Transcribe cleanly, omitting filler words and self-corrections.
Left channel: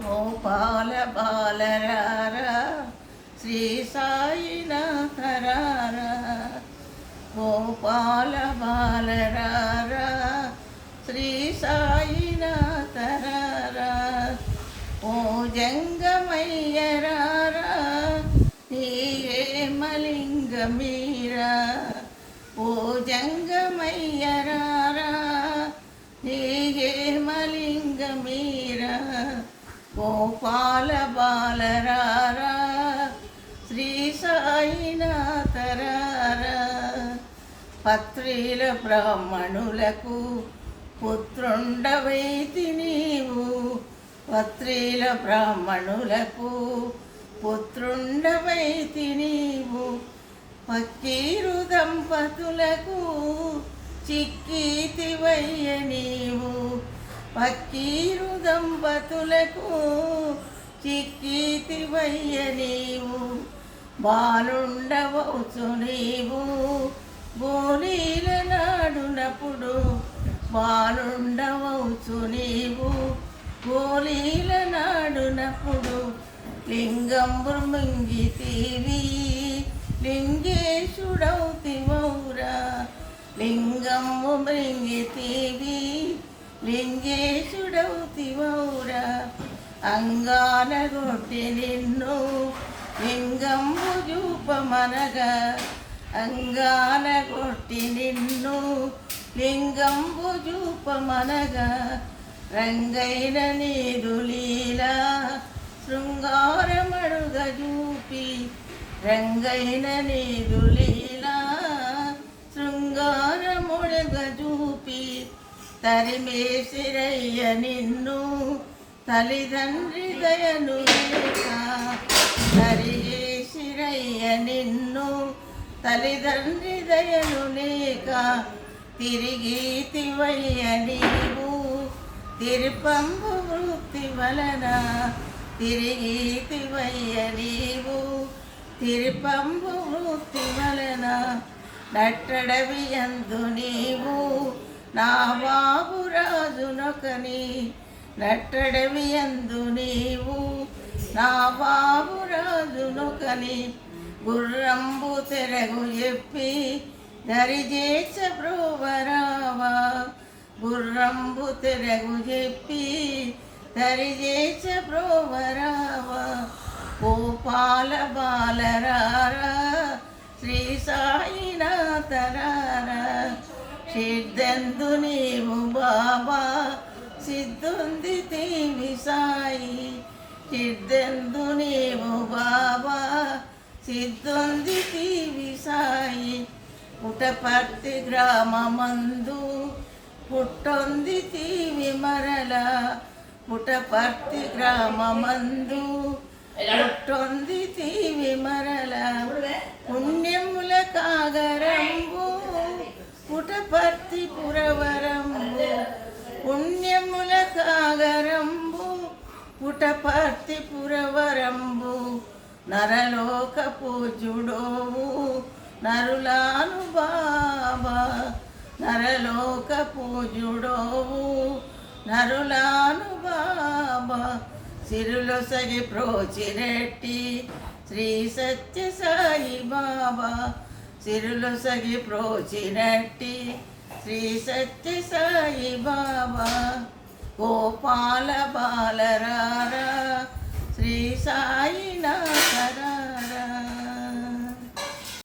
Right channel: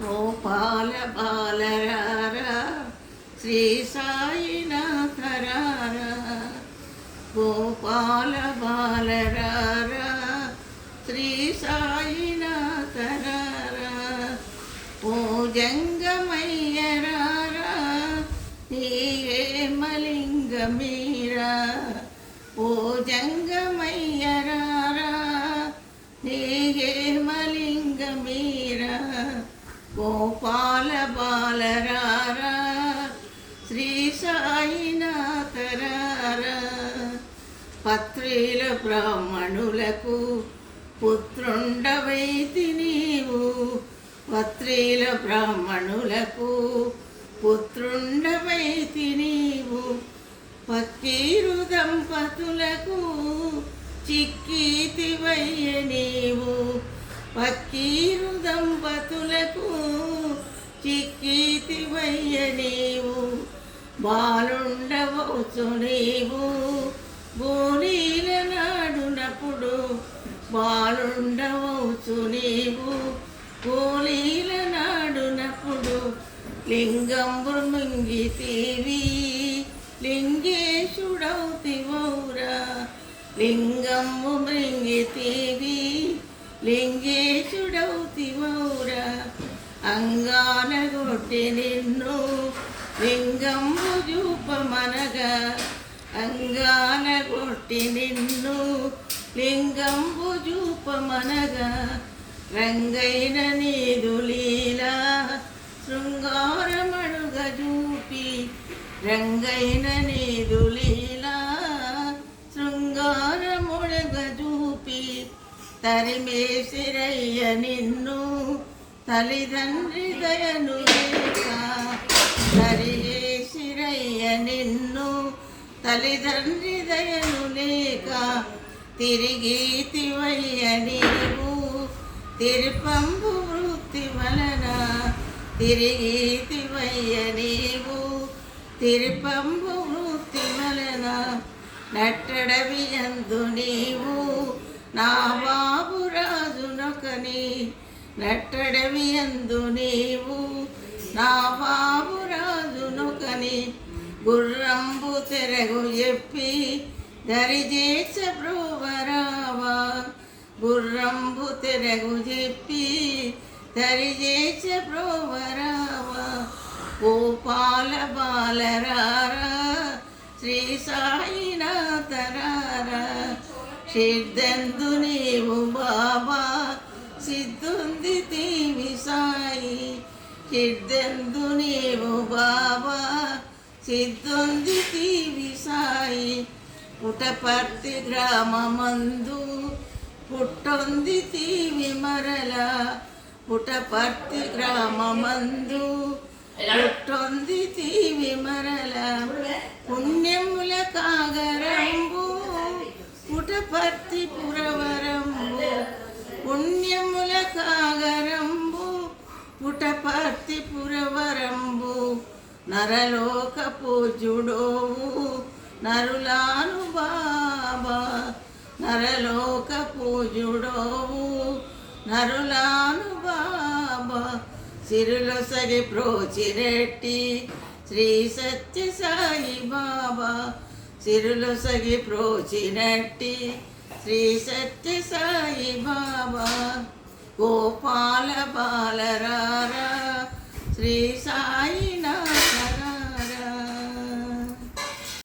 గోపాల బాలరారా శ్రీ సాయినాథరారా గోపాల బాలరారా శ్రీ సాయినాథరారా ఓ జంగమయ్యరారా నీవే మలింగమీరా ఓ జంగమయ్యరారా నీవే మలింగమీరా గోపాల బాలరారా శ్రీ సాయినాథరారా పత్రిల బ్రాహ్మణులకు పుత్రుండవైతి నీవు పత్రిల బ్రాహ్మణులకు పుత్రుండవైతి నీవు పక్కీరు దంపతులకు చిక్కీతివయ్య నీవు పక్కీరు దంపతులకు చిక్కీతివయ్య నీవు బాలుండవచ్చు నీవు గోలీల నాడునప్పుడు బాలుండవచ్చు నీవు గోలీల నాడునప్పుడు లింగంబు మింగితీవి లింగేశుడౌతివౌరా లింగంబు మృంగితీవి లింగేశుడౌతివౌరా అంగాన కొట్టి నిన్ను లింగంబు చూపమనగా అంగాన కొట్టి నిన్ను లింగంబు చూపమనగా రంగైన నీదు లీలా శృంగారమడుగ చూపి రంగైన నీదు లీలా శృంగారముడుగ చూపి తరిమేసిరయ్య నిన్ను తల్లిదండ్రి దయను లేక తరిమేసిరయ్య నిన్ను తల్లిదండ్రి దయను లేక తిరిగీతివయ్య నీవు తిరుపంబు వృత్తి వలన తిరిగీతివయ్య నీవు తిరుపంబు వృత్తి వలన నట్టడవి యందు నీవు నా బాబు రాజునొకని నట్టడవి యందు నీవు నా బాబు రాజునొకని గుర్రంబు తెరగు చెప్పి దరిజేచ బ్రోవరావా గుర్రంబు తెరగు చెప్పి దరిజేచ బ్రోవరావా గోపాల బాలరారా శ్రీ సాయినాథరారా సిద్ధందు నీవు బాబా సిద్ధుంది తీవి సాయి సిద్ధందు నీవు బాబా సిద్ధుంది తీవి సాయి పుటపర్తి గ్రామమందు పుట్టొంది తీవి మరల పుటపర్తి గ్రామమందు పుట్టొంది తీవి మరల పుణ్యముల కాగరంబు పుటపర్తి పురవరంబు పుణ్యముల కాగరంబు పుటపర్తి పురవరంబు నరలోక పూజుడోవు నరులాను బాబా నరలోక పూజుడోవు నరులాను బాబా సిరులొసగి ప్రోచిరెట్టి శ్రీ సత్య సాయి బాబా సిరులొసగి ప్రోచినట్టి శ్రీ సత్య సాయి బాబా గోపాల బాలరారా శ్రీ సాయినాథ